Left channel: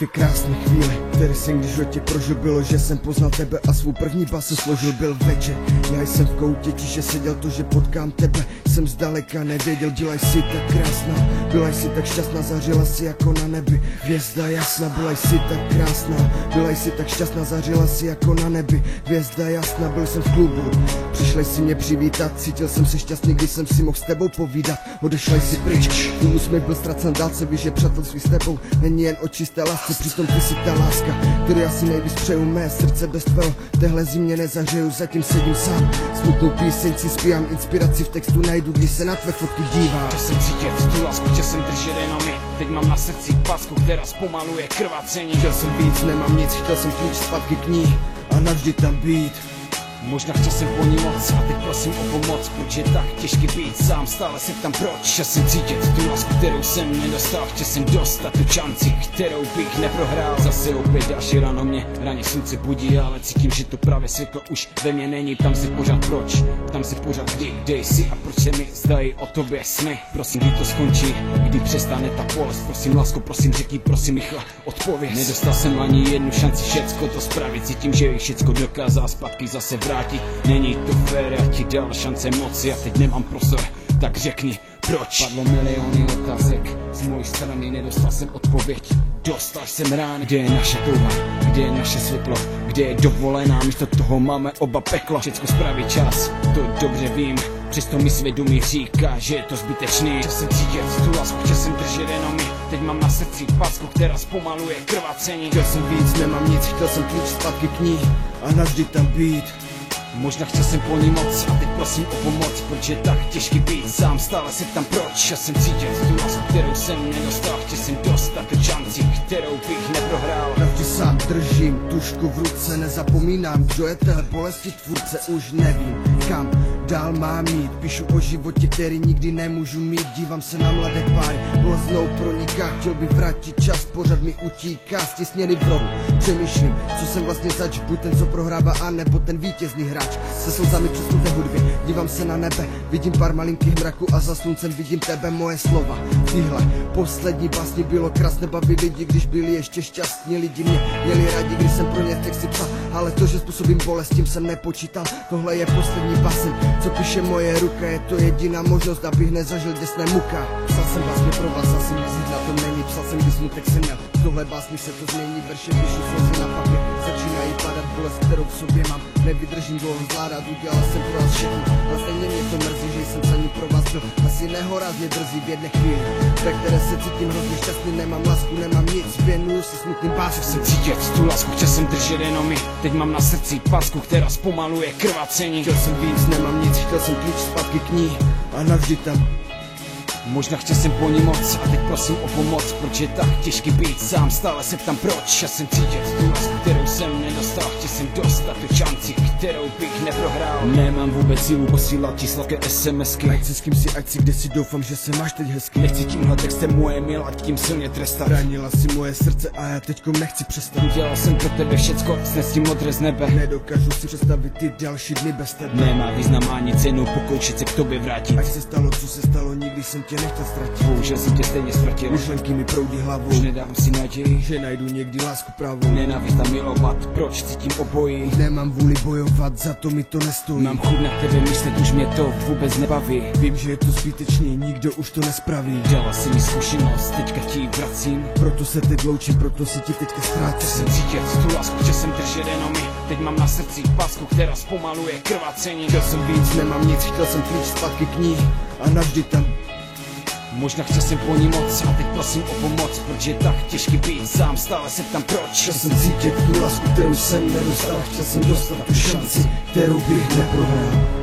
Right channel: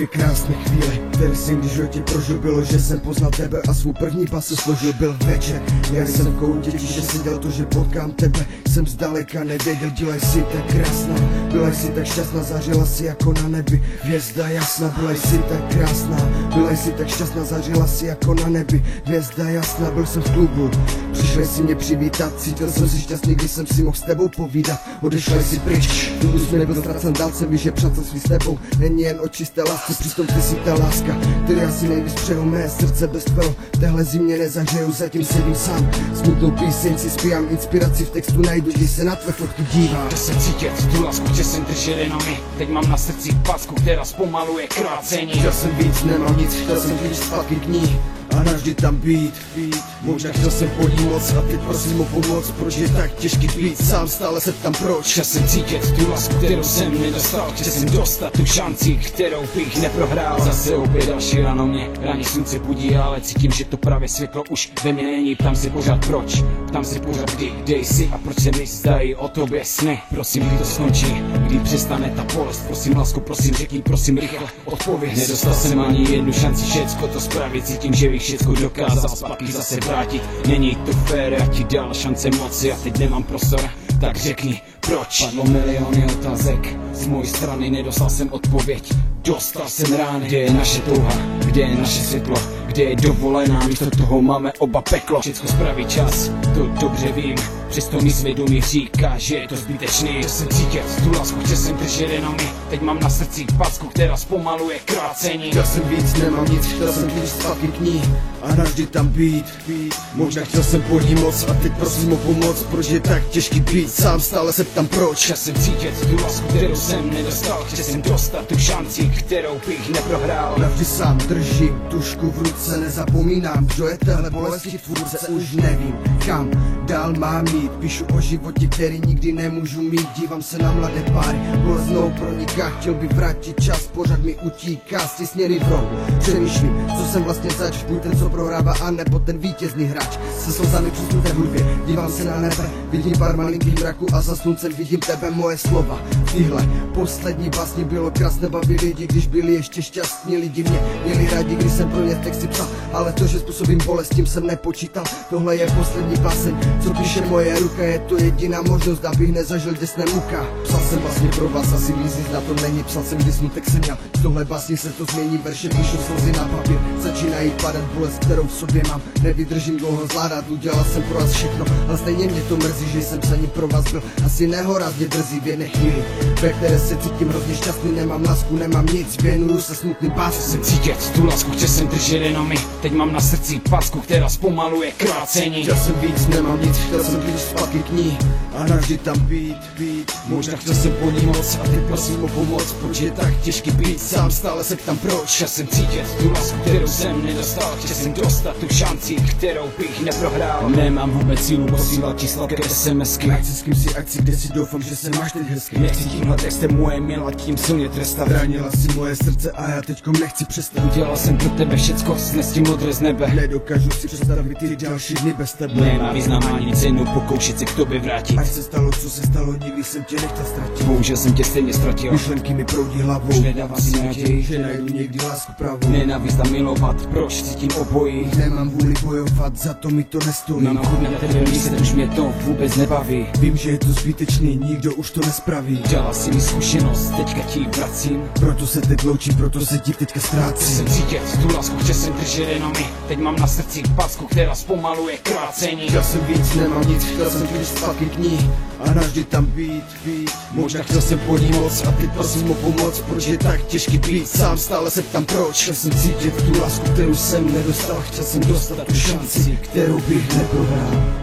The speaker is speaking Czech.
Dvě krásné chvíle, které jsem když v životě prožil, bylo, že jsem poznal tebe a svou první basu složil. Byl večer, já jsem v koutě tiše seděl, to, že potkám tebe, jsem zdaleka nevěděl. Byla jsi tak krásná, byla jsi tak šťastná, zařila si jako na nebi hvězda jasná. Byla jsi tak krásná, byla jsi tak šťastná, zařila si jako na nebi hvězda jasná. Byl jsem v klubu, přišli si mě přivítat, cítil jsem se šťastný, když jsem si mohl s tebou povídat. Odešla jsi pryč, tu úsměv byl ztracen, dál se víš, že přátelství s tebou není jen o čisté lásce, přitom ty si ta láska, který asi nejvíc přeju. Mé srdce bez tvého téhle zimě nezahřeju, zatím sedím sám, smutnou píseň si zpívám, inspiraci v textu najdu, když se na tvé fotky dívám. Chtěl jsem cítit tu lásku, chtěl jsem držet jenom my, teď mám na srdci packu, která zpomaluje krvácení. Chtěl jsem víc, nemám nic, chtěl jsem klíč zpátky k ní a navždy tam být. Možná chtěl jsem po ní moc a teď prosím o pomoc, proč je tak těžký být sám, stále se ptám proč. Chtěl jsem cítit tu lásku, kterou jsem nedostal, chtěl jsem dostat tu šanci, kterou bych neprohrál. Zase opět další ráno mě raní slunce budí, ale cítím, že to právě světlo už ve mně není. Ptám se pořád proč, ptám se pořád kdy, kde jsi a proč se mi zdají o tobě sny. Prosím, kdy to skončí, kdy přestane ta bolest, prosím lásku, prosím řekni, prosím rychle odpověď. Nedostal jsem ani jednu šanci všecko to spravit, cítím, že bych všecko dokázal zpátky zase vrátit. Není to fér, já ti dal šance moci a teď nemám prostor, tak řekni proč. Padlo miliony otázek, z mojí strany nedostal jsem odpověď. Dostal jsem rány, kde je naše touha, kde je naše světlo, kde je dovolená, místo toho máme oba peklo. Všecko spraví čas, to dobře vím, přesto mi svědomí říká, že je to zbytečný. Chtěl jsem cítit tu lásku, chtěl jsem držet jenom my, teď mám na srdci packu, která zpomaluje krvácení. Chtěl jsem víc, nemám nic, chtěl jsem klíč zpátky k ní a navždy tam být. Možná chtěl jsem po ní moc a teď prosím o pomoc, proč je tak těžký být sám, stále se ptám proč. Chtěl jsem cítit tu lásku, kterou jsem nedostal, chtěl jsem dostat tu šanci, kterou bych neprohrál. Navždy sám držím tušku v ruce, nezapomínám, kdo je téhle bolesti tvůrce. Už nevím, kam dál mám jít, píšu o životě, který nikdy nemůžu mít. Dívám se na mladé páry, bolest znovu proniká, chtěl by vrátit čas, pořád mi utíká, stěsněný v rohu. Přemýšlím, co jsem vlastně zač, buď ten, co prohrává, a nebo ten vítězný hráč. Se slzami přesnuté hudbě, dívám se na nebe, vidím pár malinkých mraků a za sluncem vidím tebe, moje slova. Tyhle poslední básni bylo krásné, bavit lidi, když byli ještě šťastní. Lidi mě měli rádi, když jsem pro ně texty psal, ale to, že způsobím bolest, tím jsem nepočítal. Tohle je poslední báseň, co píše moje ruka, je to jediná možnost, abych nezažil děsné muka. Psal jsem vlastně pro vás, asi když na to není, psal jsem, když smutek jsem měl. Z tohle básní se to změní, verše píšu slzy na papír, začínají padat bolest, kterou v sobě mám, nevydržím dlouho zvládat, udělal jsem pro vás všechno, ale stejně mě to mrzí, že jsem psaní pro vás byl asi nehorázně drzý v jedné chvíli, ve které se cítím hrozně šťastný, nemám lásku, nemám nic, věnuju se smutným pásem. Chtěl jsem cítit tu lásku, chtěl jsem držet jenom my, teď mám na srdci packu, která zpomaluje krvácení. Chtěl jsem víc, nemám nic, chtěl jsem klíč zpátky k ní a navždy tam být. Možná chtěl jsem po ní moc a teď prosím o pomoc, proč je tak těžký být sám, stále se ptám proč. Chtěl jsem cítit tu lásku, kterou jsem nedostal, chtěl jsem dostat tu šanci, kterou bych neprohrál. Nemám vůbec sílu posílat ti sladké SMSky, nechci s kým si akci, kde si doufám, že se máš teď hezky. Nechci tímhle textem moje milá tím silně trestat. Bránila si moje srdce a já teďkom nechci přestat. Udělal jsem pro tebe všecko, snes ti modré z nebe. Nedokážu si představit ty další dny bez tebe. Nemá význam ani cenu pokoušet se k tobě vrátit. Ať se stalo, co se stalo, nikdy jsem tě nechtěl ztratit. Bohužel jsem tě stejně ztratil, myšlenky mi proudí hlavou, už nedávám si naději, že najdu někdy lásku pravou. Nenávist a milovat, proč cítím obojí. Nemám vůli bojovat, za to mi to nestojí. Mám chuť na tebe myslet, už mě to vůbec nebaví. Vím, že je to zbytečný, nikdo už to nespraví. Dala si mi zkušenost, teďka ti vracím, proto se teď loučím, proto se ti teďka ztrácím. Chtěl jsem cítit tu lásku, chtěl jsem držet jenom my, teď mám na srdci packu, která zpomaluje krvácení. Chtěl jsem víc, nemám nic, chtěl jsem klíč zpátky k ní a navždy tam být. Možná chtěl jsem po ní moc a teď prosím o pomoc, proč je tak těžký být sám, stále se ptám proč. Chtěl jsem cítit tu lásku, kterou jsem nedostal, chtěl jsem dostat tu šanci, kterou bych neprohrál.